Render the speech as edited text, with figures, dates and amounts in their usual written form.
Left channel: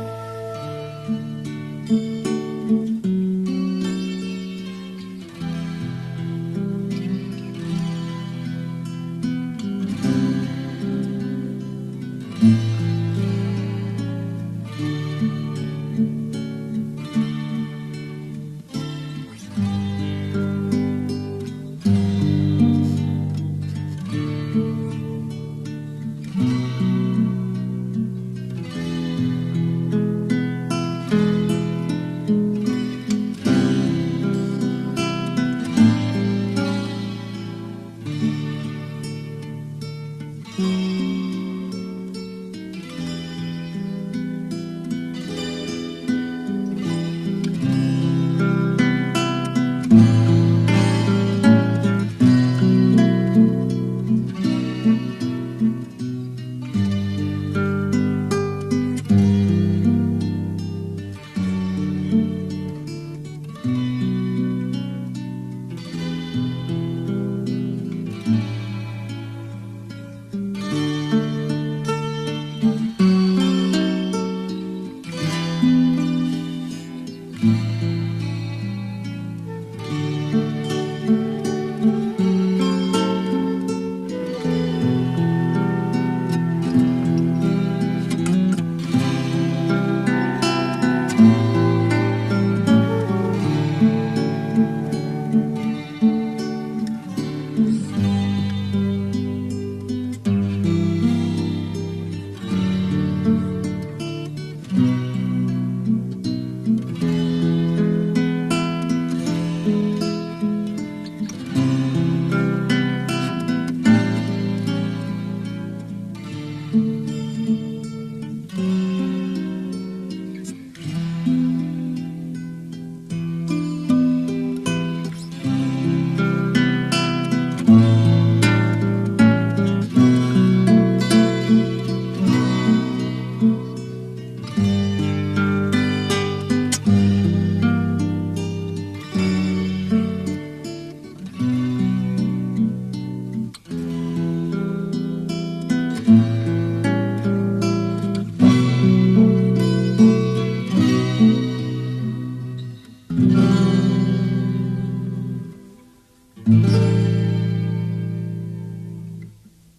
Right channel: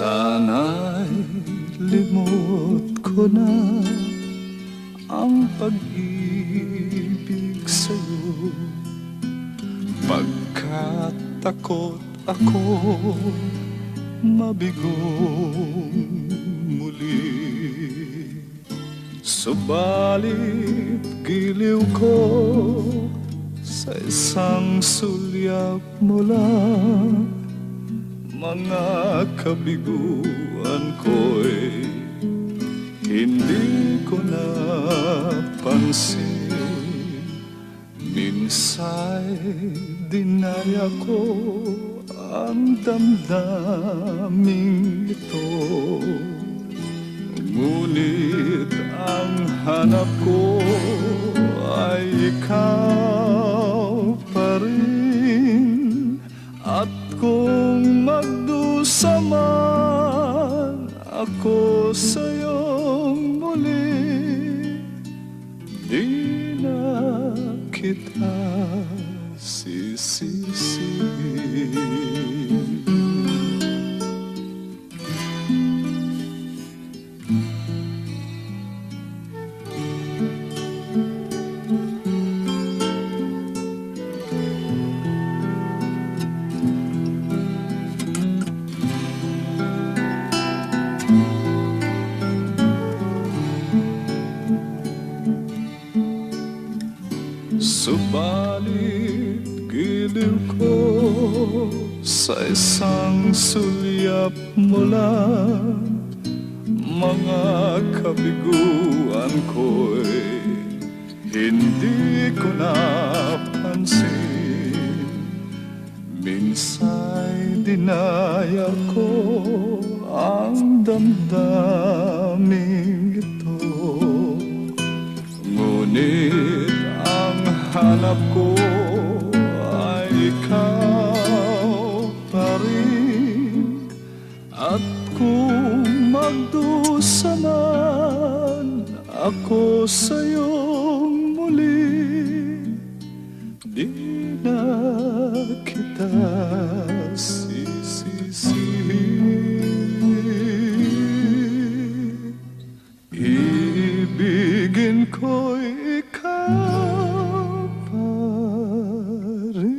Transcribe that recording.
Sana'y limot ko na ang pag-ibig sa'yo, pagkat takot ako mabigo muli. Subalit giliw ko sa isang sulyap mo lang, mga kabiguan ko'y hindi ko napansin. Minsa'y dinaya ko ang damdaming ito, ngunit ang hanap ko ay ikaw pa rin. At kung magdusa man ako sa'yong muli, di na kita sisisi. Subalit giliw ko sa isang sulyap mo lang, mga kabiguan ko'y hindi ko napansin. Minsa'y dinaya ko ang damdaming ito, ngunit hanap ko ay ikaw na rin. At kung magdusa man ako sa'yong muli, di na kita sisisi. Ibigin ko'y ikaw pa rin.